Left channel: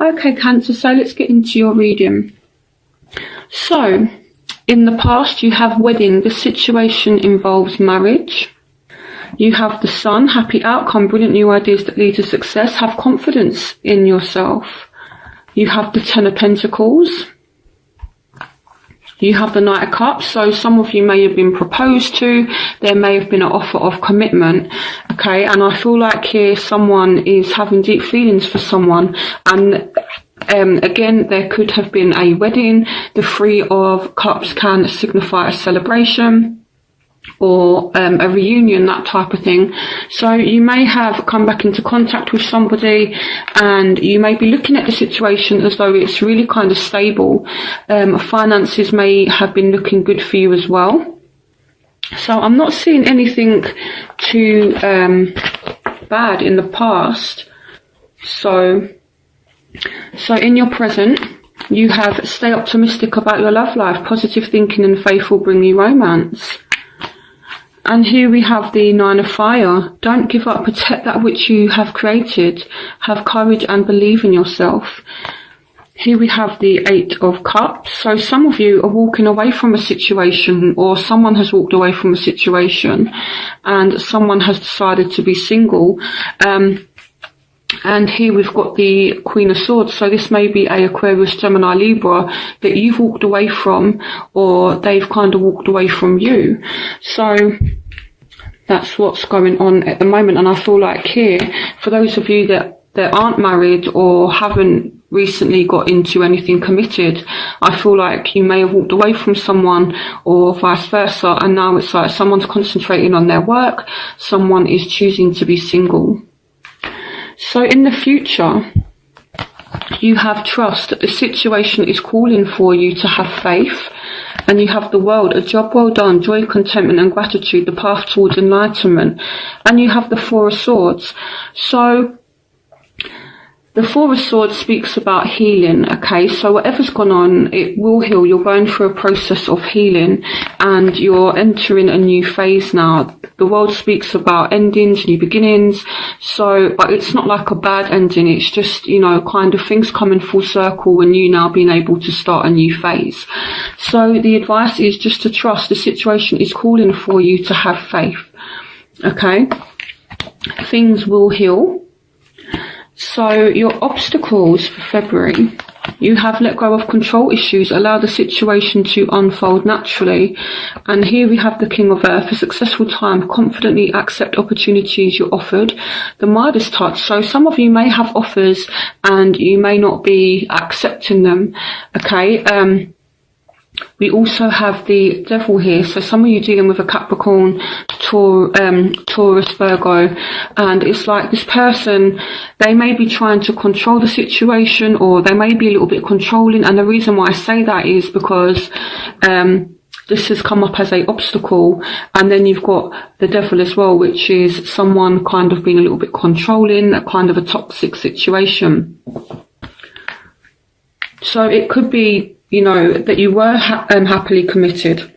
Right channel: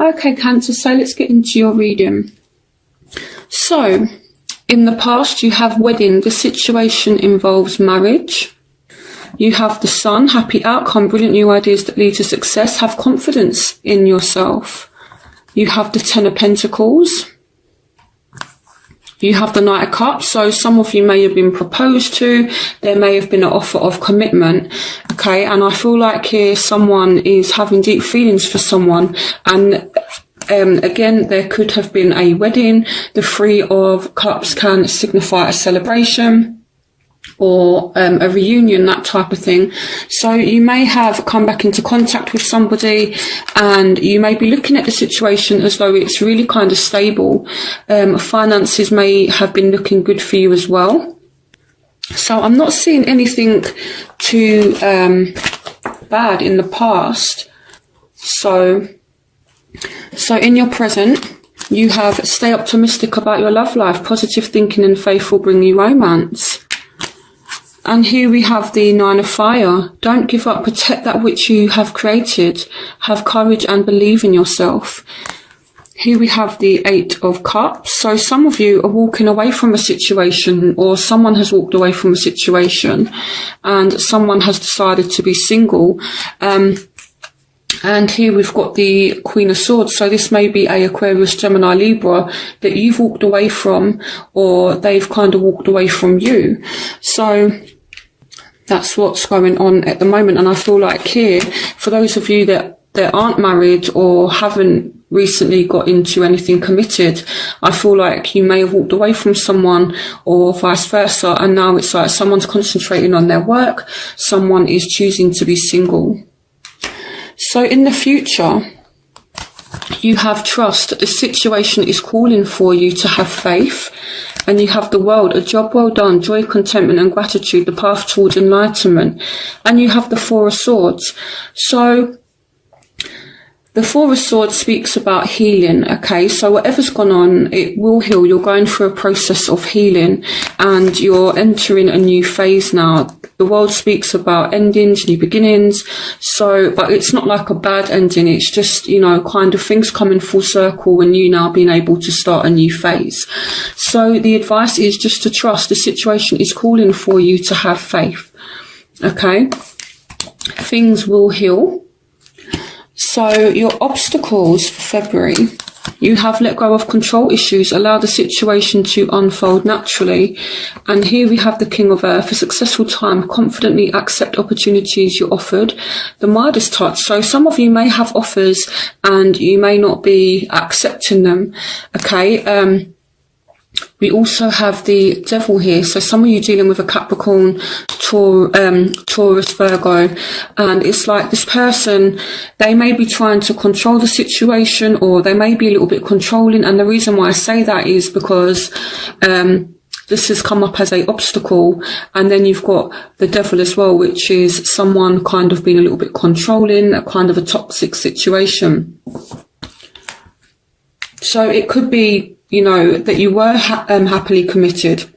Okay, Cancer, so let's get into your reading. So, in the past, you have wedding. The situation involves marriage. You have the Sun, happy outcome, brilliant new ideas that lead to success. Have confidence in yourself. You have the Ten of Pentacles. You have the Knight of Cups, so some of you may have been proposed to, there may have been an offer of commitment, okay, and I feel like here someone is having deep feelings for someone, and again, there could have been a wedding. The Three of Cups can signify a celebration or a reunion, that type of thing. So you may have come back into contact with somebody and you may be looking at the situation as though it's really kind of stable. Finances may have been looking good for you as well. So I'm not seeing anything too bad in the past. So in your present, you have stay optimistic about your love life. Positive thinking and faith will bring you romance. And here we have the Nine of Fire. Don't give up, protect that which you have created. Have courage and believe in yourself. Here we have the Eight of Cups. So some of you are walking away from a situation, or someone has walked away from a situation and someone has decided to be single. And here we've got the Queen of Swords. So this may be a Aquarius, Gemini, Libra that you've walked away from, or they've kind of walked away from you. So that's what's going on at the moment. And I feel like here, for those of you that aren't married or haven't recently got into anything committed, I feel like you may have walked away from someone or vice versa. And now it's like someone's concentrating on their work. Someone is choosing to be single. So in the future, you have trust that the situation is calling for you to have faith. And you have the World, a job well done, joy, contentment and gratitude, the path towards enlightenment. And you have the Four of Swords. So the Four of Swords speaks about healing, okay? So whatever's gone on, it will heal. You're going through a process of healing and you're entering a new phase now. The World speaks about endings, new beginnings. So, but it's not like a bad ending. It's just, you know, kind of things coming full circle when you now being able to start a new phase. So the advice is just to trust. The situation is calling for you to have faith, okay? Things will heal. So your obstacles for February, you have let go of control issues, allow the situation to unfold naturally. And here we have the King of Earth, a successful time, confidently accept opportunities you're offered. The Midas touch, so some of you may have offers and you may not be accepting them, okay? We also have the Devil here. So some of you dealing with a Capricorn, Taurus, Virgo, and it's like this person, they may be trying to control the situation or they may be a little bit controlling. And the reason why I say that is because this has come up as a obstacle. And then you've got the Devil as well, which is someone kind of being a little bit controlling, kind of a toxic situation. So it could be, you know, that you were happily committed,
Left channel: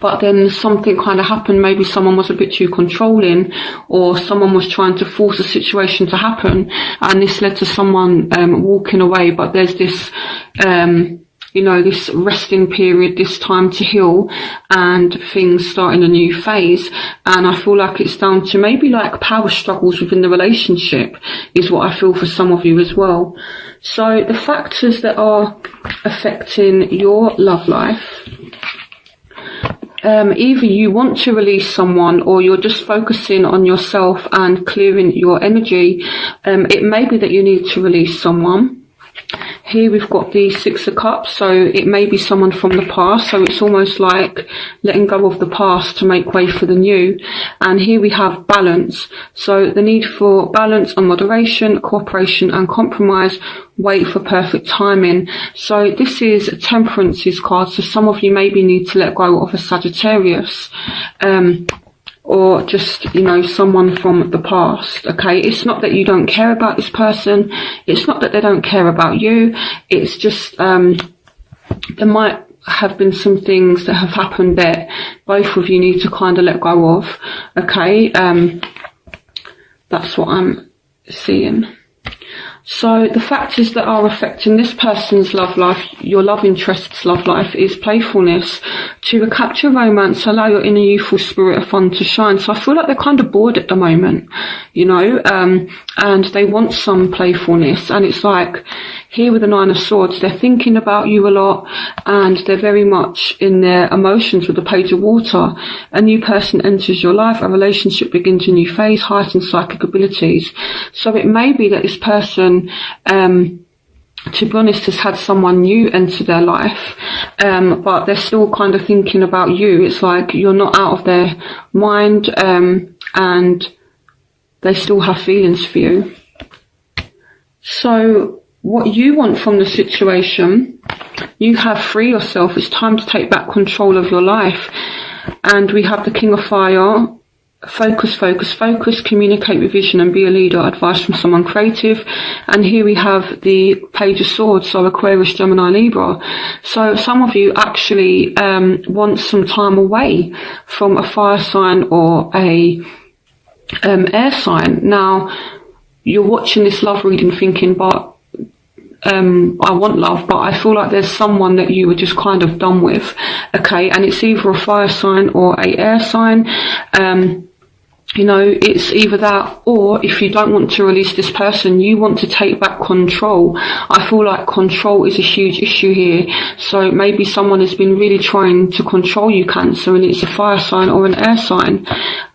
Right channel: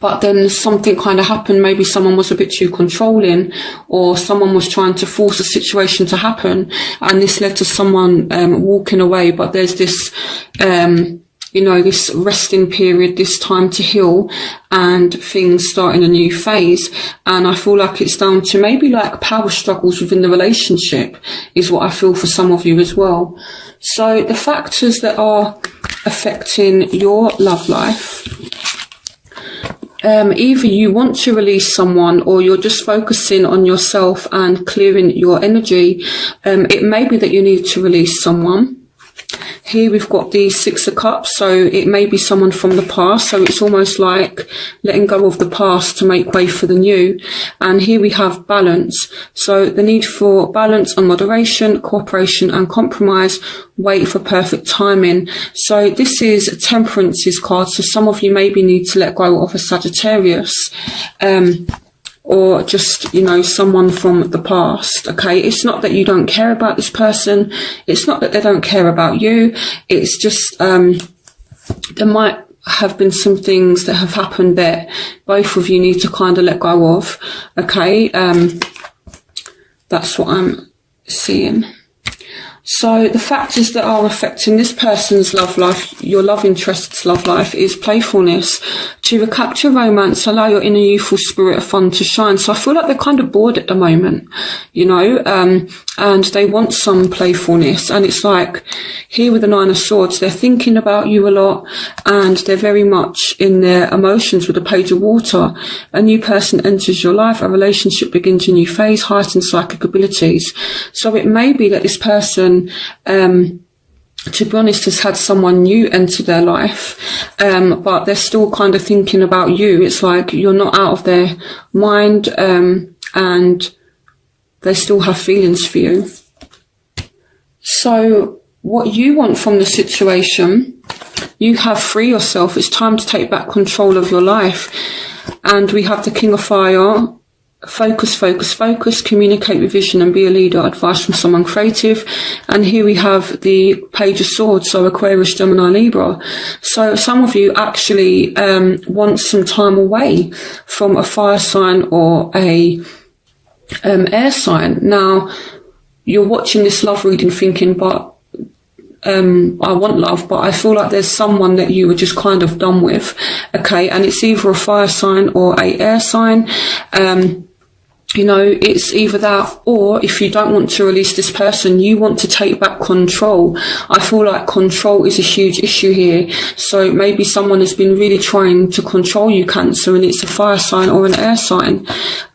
but then something kind of happened. Maybe someone was a bit too controlling or someone was trying to force a situation to happen and this led to someone walking away. But there's this, you know, this resting period, this time to heal and things starting a new phase. And I feel like it's down to maybe like power struggles within the relationship is what I feel for some of you as well. So the factors that are affecting your love life, either you want to release someone or you're just focusing on yourself and clearing your energy. It may be that you need to release someone. Here we've got the Six of Cups, so it may be someone from the past, so it's almost like letting go of the past to make way for the new. And here we have balance, so the need for balance and moderation, cooperation and compromise, wait for perfect timing. So this is Temperance's card, so some of you maybe need to let go of a Sagittarius, or just, you know, someone from the past, okay? It's not that you don't care about this person. It's not that they don't care about you. It's just, there might have been some things that have happened that both of you need to kind of let go of, okay? That's what I'm seeing. So the factors that are affecting this person's love life, your love interest's love life, is playfulness. To recapture romance, allow your inner youthful spirit of fun to shine. So I feel like they're kind of bored at the moment, you know, and they want some playfulness. And it's like, here with the Nine of Swords, they're thinking about you a lot, and they're very much in their emotions with the Page of Water. A new person enters your life, a relationship begins a new phase, heightened psychic abilities. So it may be that this person, to be honest, has had someone new enter their life, but they're still kind of thinking about you. It's like you're not out of their mind, and they still have feelings for you. So what you want from the situation, you have free yourself. It's time to take back control of your life. And we have the King of Fire. Focus, focus, focus, communicate with vision and be a leader, advice from someone creative. And here we have the Page of Swords, so Aquarius, Gemini, Libra. So some of you actually want some time away from a fire sign or a air sign. Now, you're watching this love reading thinking, but I want love, but I feel like there's someone that you were just kind of done with, okay? And it's either a fire sign or a air sign. You know, it's either that, or if you don't want to release this person, you want to take back control. I feel like control is a huge issue here. So maybe someone has been really trying to control you, Cancer, and it's a fire sign or an air sign,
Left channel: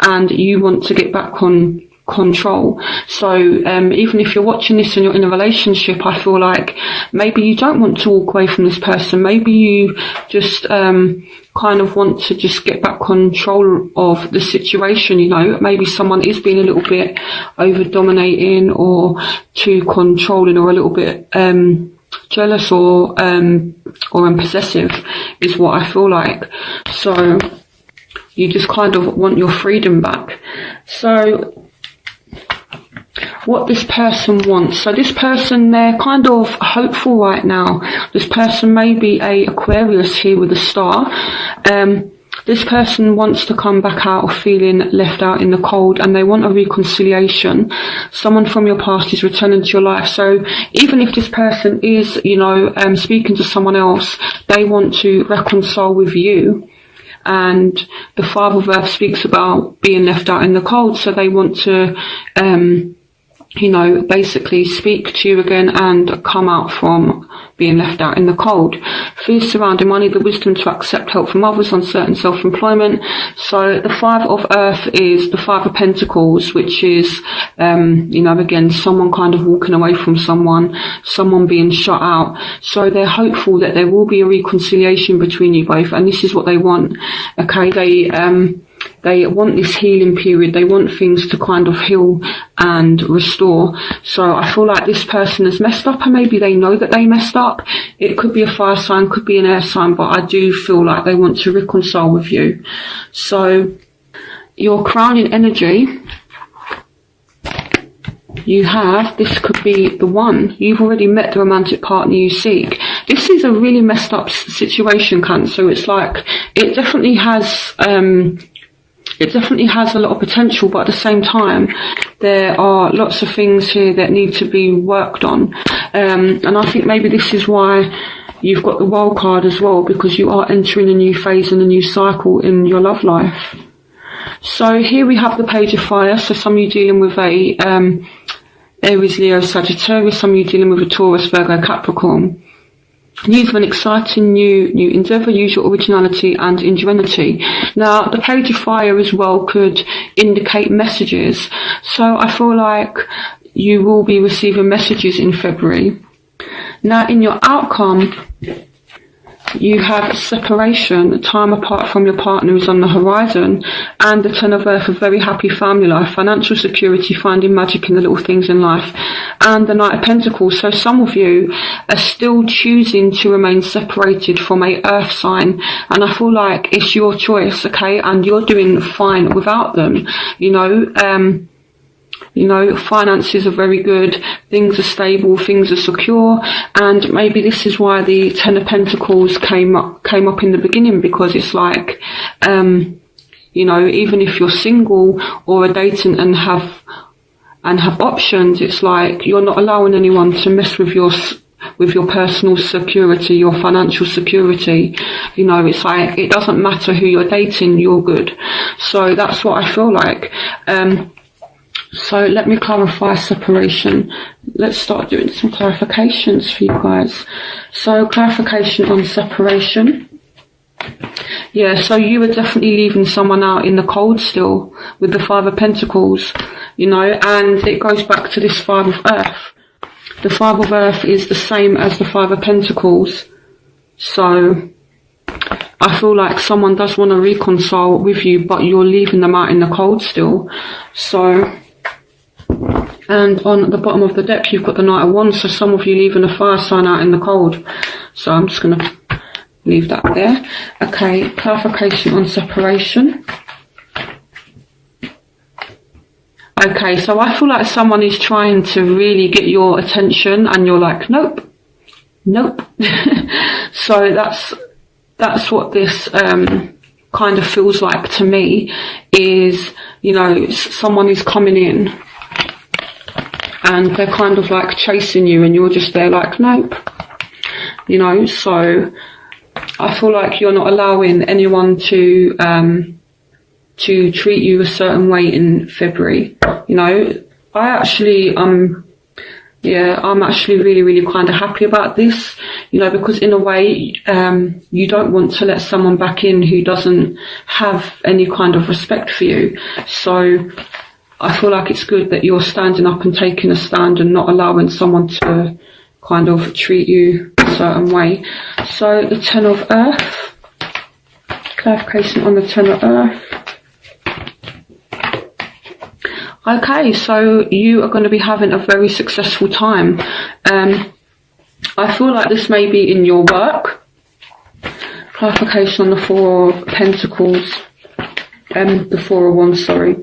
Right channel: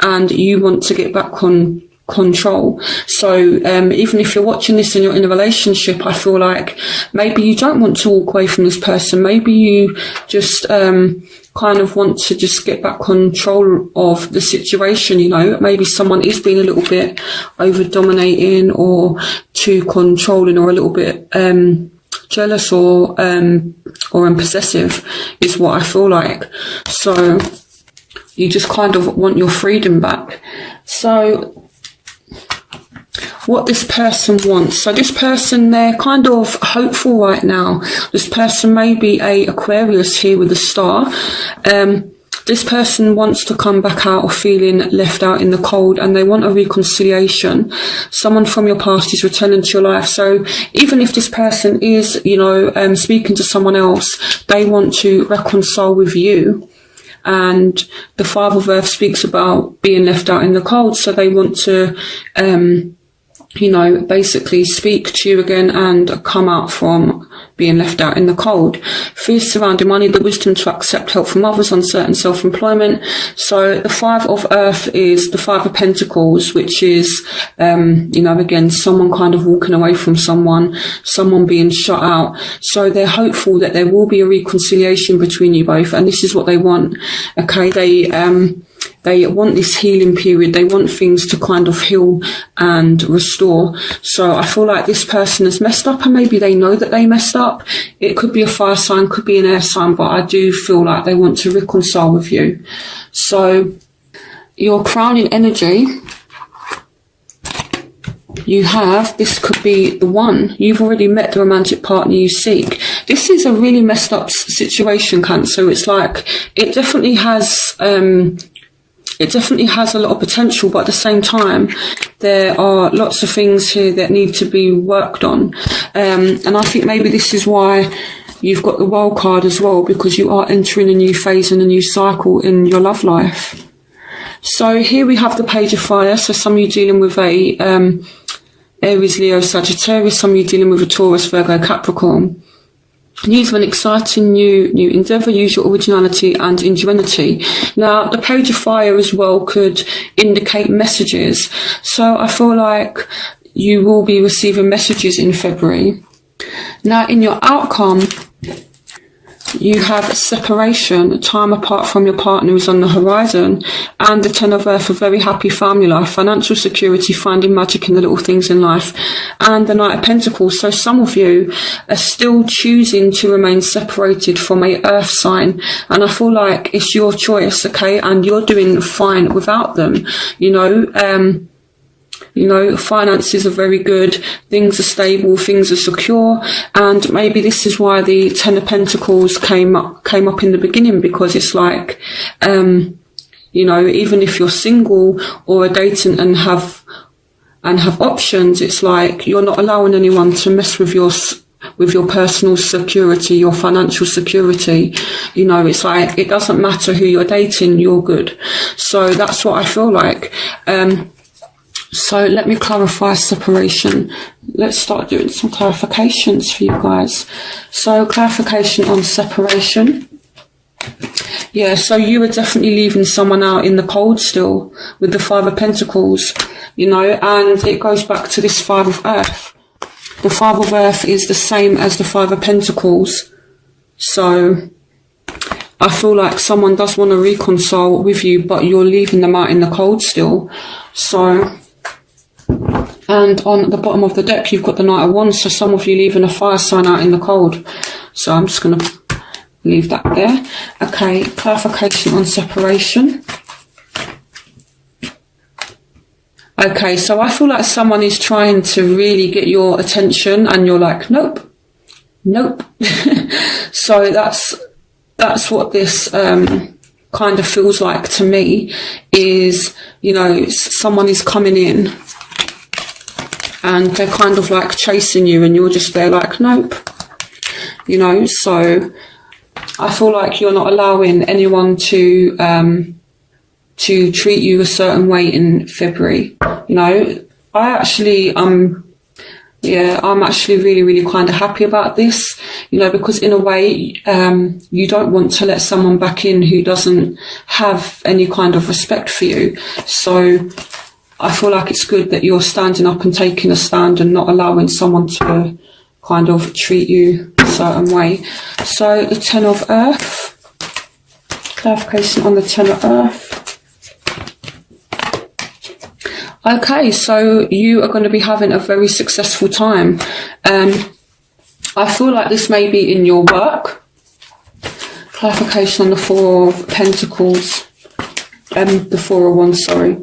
and you want to get back on control. So even if you're watching this and you're in a relationship, I feel like maybe you don't want to walk away from this person. Maybe you just kind of want to just get back control of the situation, you know. Maybe someone is being a little bit over dominating or too controlling, or a little bit jealous or possessive is what I feel like. So you just kind of want your freedom back. So what this person wants. So this person, they're kind of hopeful right now. This person may be a Aquarius here with a star. This person wants to come back out of feeling left out in the cold, and they want a reconciliation. Someone from your past is returning to your life. So even if this person is, you know, speaking to someone else, they want to reconcile with you. And the Father of Earth speaks about being left out in the cold. So they want to, you know, basically speak to you again and come out from being left out in the cold. Fears surrounding money, the wisdom to accept help from others, uncertain self-employment. So the Five of Earth is the Five of Pentacles, which is, you know, again, someone kind of walking away from someone being shut out. So they're hopeful that there will be a reconciliation between you both, and this is what they want. Okay, they want this healing period. They want things to kind of heal and restore. So I feel like this person has messed up, and maybe they know that they messed up. It could be a fire sign, could be an air sign, but I do feel like they want to reconcile with you. So your crowning energy, you have, this could be the one. You've already met the romantic partner you seek. This is a really messed up situation, Cancer. It's like, it definitely has a lot of potential, but at the same time, there are lots of things here that need to be worked on. And I think maybe this is why you've got the World card as well, because you are entering a new phase and a new cycle in your love life. So here we have the Page of Fire. So some of you dealing with a Aries, Leo, Sagittarius. Some of you dealing with a Taurus, Virgo, Capricorn. Use an exciting new endeavour. Use your originality and ingenuity. Now, the Page of Fire as well could indicate messages. So I feel like you will be receiving messages in February. Now, in your outcome, you have separation, a time apart from your partner is on the horizon, and the Ten of Earth, a very happy family life, financial security, finding magic in the little things in life, and the Knight of Pentacles. So some of you are still choosing to remain separated from a earth sign, and I feel like it's your choice, okay, and you're doing fine without them, you know, finances are very good, things are stable, things are secure, and maybe this is why the Ten of Pentacles came up in the beginning, because it's like, you know, even if you're single or are dating and have and have options. It's like you're not allowing anyone to mess with your personal security, your financial security. You know, it's like it doesn't matter who you're dating, you're good. So that's what I feel like. So let me clarify separation. Let's start doing some clarifications for you guys. So clarification on separation. Yeah, so you were definitely leaving someone out in the cold still with the Five of Pentacles, you know, and it goes back to this Five of Earth. The Five of Earth is the same as the Five of Pentacles. So I feel like someone does want to reconcile with you, but you're leaving them out in the cold still. So, and on the bottom of the deck, you've got the Knight of Wands. So some of you leaving a fire sign out in the cold. So I'm just going to leave that there. Okay, clarification on separation. Okay, so I feel like someone is trying to really get your attention and you're like, nope, nope. So that's what this kind of feels like to me, is, you know, someone is coming in and they're kind of like chasing you and you're just there like, nope. You know, so I feel like you're not allowing anyone to treat you a certain way in February. You know, I'm actually really, really kind of happy about this, you know, because in a way, you don't want to let someone back in who doesn't have any kind of respect for you. So I feel like it's good that you're standing up and taking a stand and not allowing someone to kind of treat you a certain way. So the Ten of Earth, clarification on the Ten of Earth. Okay, so you are going to be having a very successful time. I feel like this may be in your work. Clarification on the Four of Pentacles. The Four of Wands, sorry.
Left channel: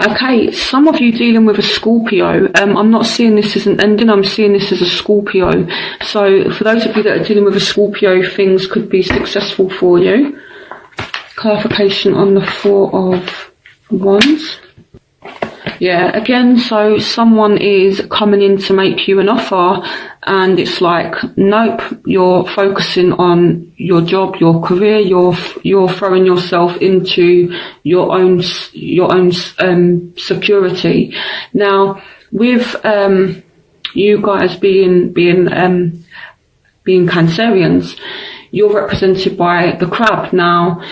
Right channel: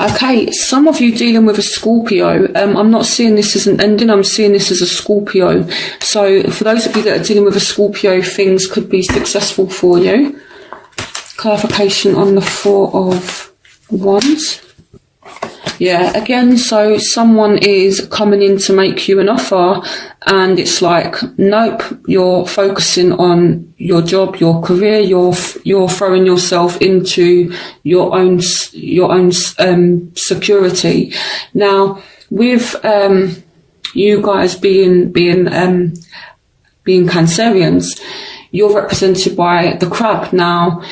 Okay, some of you dealing with a Scorpio. I'm not seeing this as an ending, I'm seeing this as a Scorpio. So for those of you that are dealing with a Scorpio, things could be successful for you. Clarification on the Four of Wands. Yeah, again, so someone is coming in to make you an offer and it's like, nope, you're focusing on your job, your career, you're throwing yourself into your own security. Now, with you guys being Cancerians, you're represented by the Crab. Now,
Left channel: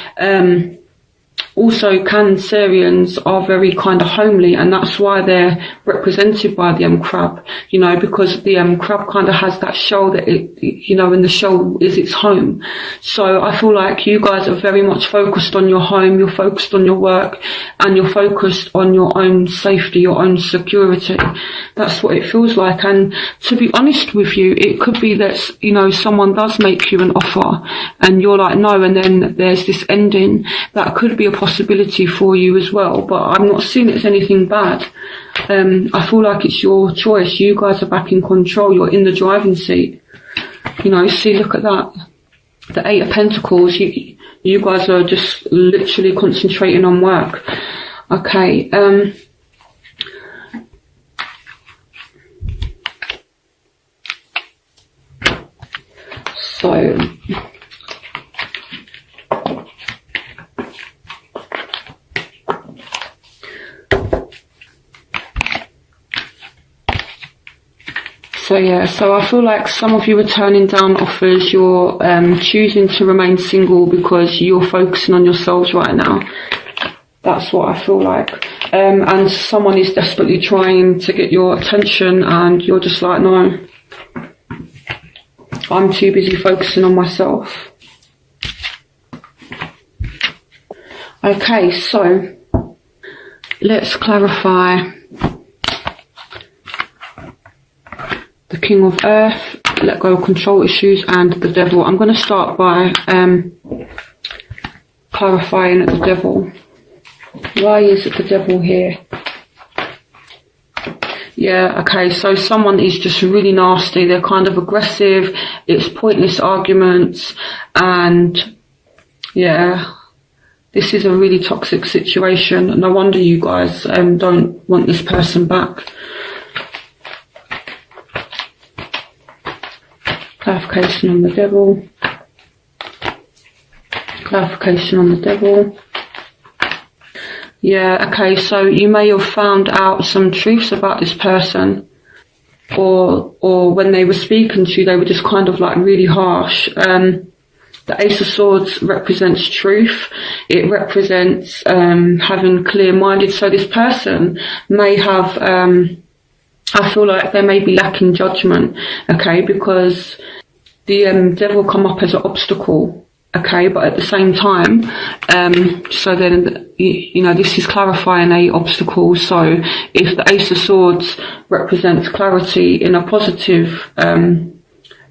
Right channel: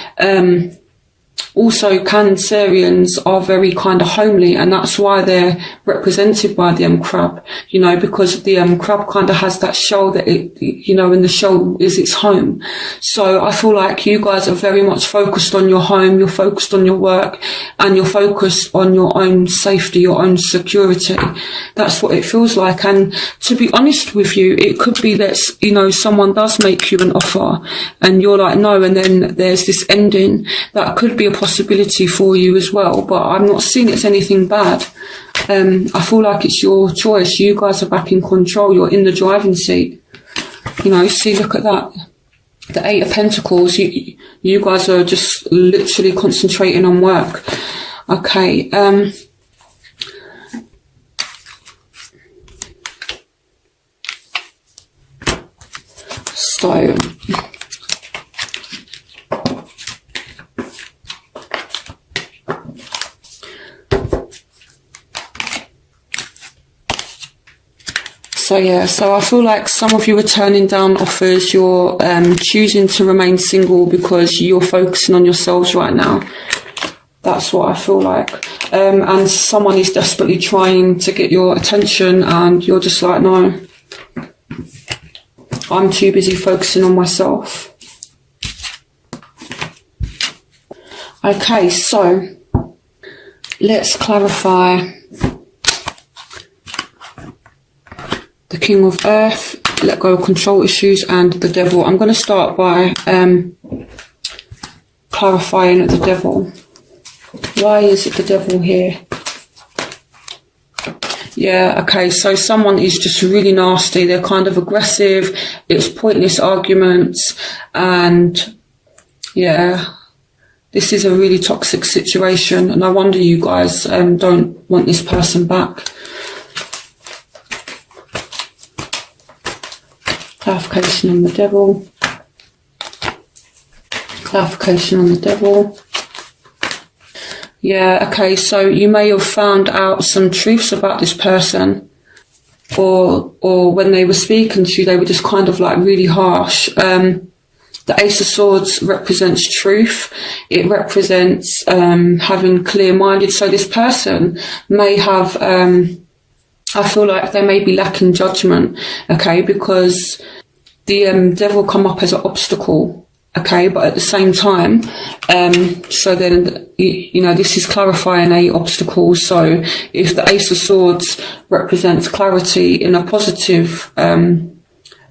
also Cancerians are very kind of homely, and that's why they're represented by the Crab, you know, because the Crab kind of has that shell that it, you know, and the shell is its home. So I feel like you guys are very much focused on your home, you're focused on your work, and you're focused on your own safety, your own security. That's what it feels like. And to be honest with you, it could be that, you know, someone does make you an offer and you're like, no, and then there's this ending. That could be a possibility for you as well, but I'm not seeing it's anything bad. I feel like it's your choice. You guys are back in control. You're in the driving seat. You know, see, look at that. The Eight of Pentacles. You guys are just literally concentrating on work. Okay. So yeah, so I feel like some of you are turning down offers. You're choosing to remain single because you're focusing on yourselves right now. That's what I feel like. And someone is desperately trying to get your attention and you're just like, no, I'm too busy focusing on myself. Okay, so let's clarify the King of Earth, let go of control issues, and the Devil. I'm going to start by clarifying the Devil. Why is it the Devil here? Yeah, okay, so someone is just really nasty. They're kind of aggressive. It's pointless arguments. And yeah, This is a really toxic situation. No wonder you guys don't want this person back. Clarification on the devil. Clarification on the devil. Yeah, okay, so you may have found out some truths about this person, or when they were speaking to you, they were just kind of like really harsh. The Ace of Swords represents truth. It represents having clear-minded. So this person may have, I feel like they may be lacking judgment, okay, because the devil come up as an obstacle. Okay, but at the same time, so then, you know, this is clarifying a obstacle. So if the Ace of Swords represents clarity in a positive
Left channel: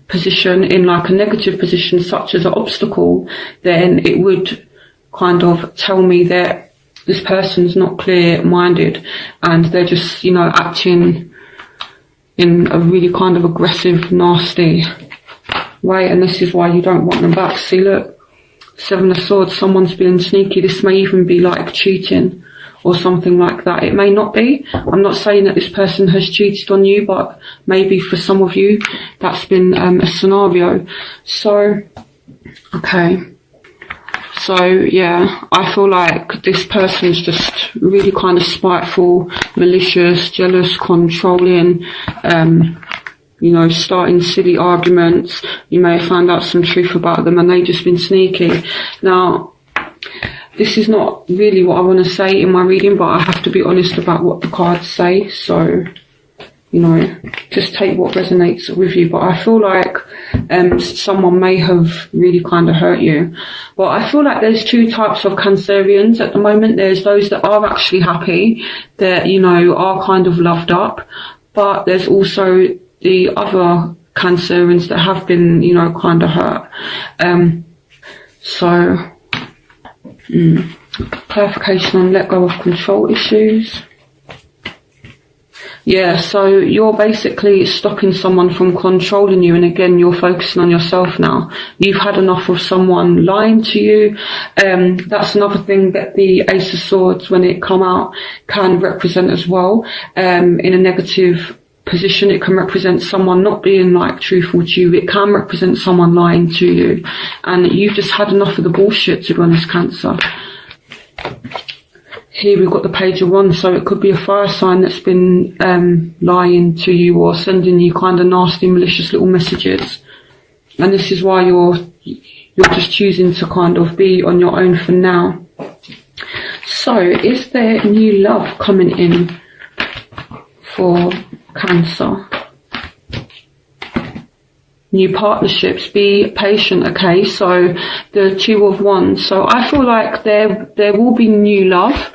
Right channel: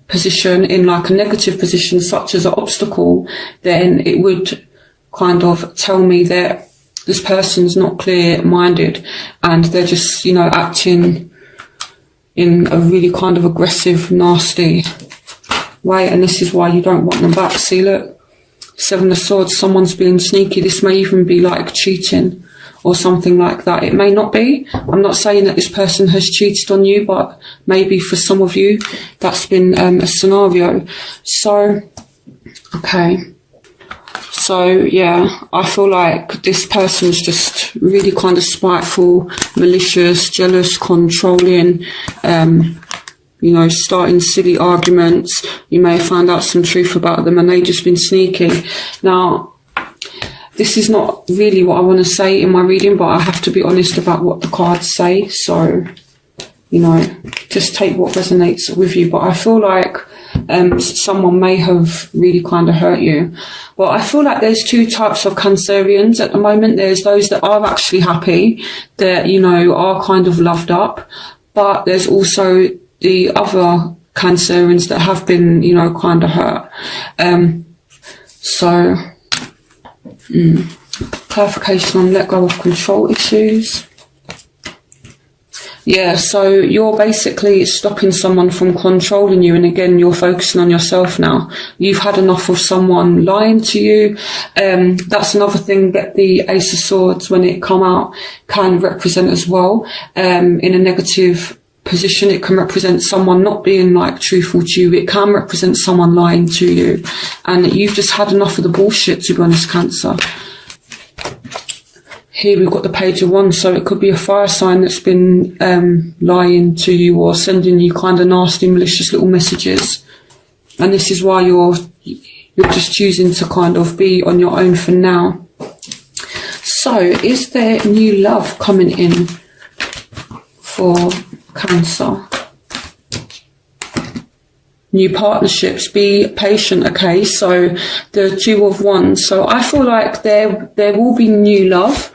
position, in like a negative position, such as an obstacle, then it would kind of tell me that this person's not clear-minded and they're just, you know, acting in a really kind of aggressive, nasty way. And this is why you don't want them back. See, look. Seven of Swords, someone's being sneaky. This may even be like cheating or something like that. It may not be. I'm not saying that this person has cheated on you, but maybe for some of you, that's been a scenario. So, okay. So, yeah, I feel like this person's just really kind of spiteful, malicious, jealous, controlling, you know, starting silly arguments. You may have found out some truth about them and they've just been sneaky. Now, this is not really what I want to say in my reading, but I have to be honest about what the cards say. So, you know, just take what resonates with you. But I feel like someone may have really kind of hurt you. But I feel like there's two types of Cancerians at the moment. There's those that are actually happy, that, you know, are kind of loved up. But there's also the other Cancerians that have been, you know, kind of hurt. So, clarification on let go of control issues. Yeah, so you're basically stopping someone from controlling you, and again, you're focusing on yourself now. You've had enough of someone lying to you. That's another thing that the Ace of Swords, when it come out, can represent as well. In a negative position, it can represent someone not being like truthful to you. It can represent someone lying to you, and you've just had enough of the bullshit, to be honest, Cancer. Here we've got the Page of Wands, so it could be a fire sign that's been lying to you or sending you kind of nasty, malicious little messages. And this is why you're just choosing to kind of be on your own for now. So, is there new love coming in for Cancer? New partnerships, be patient, okay? So the Two of Wands. So I feel like there will be new love.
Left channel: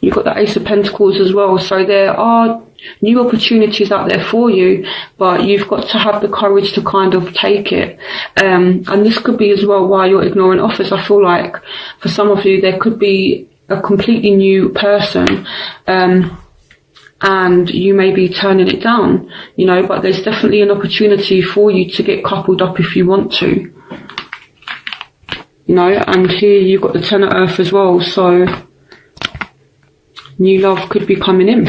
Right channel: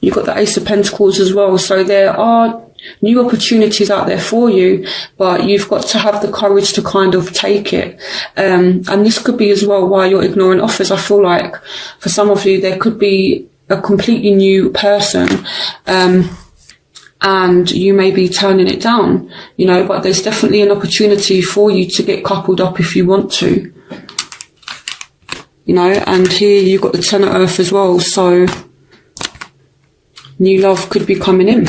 You've got the Ace of Pentacles as well. So there are new opportunities out there for you, but you've got to have the courage to kind of take it. And this could be as well why you're ignoring offers. I feel like for some of you, there could be a completely new person, and you may be turning it down, you know, but there's definitely an opportunity for you to get coupled up if you want to, you know. And here you've got the Ten of Earth as well, so new love could be coming in.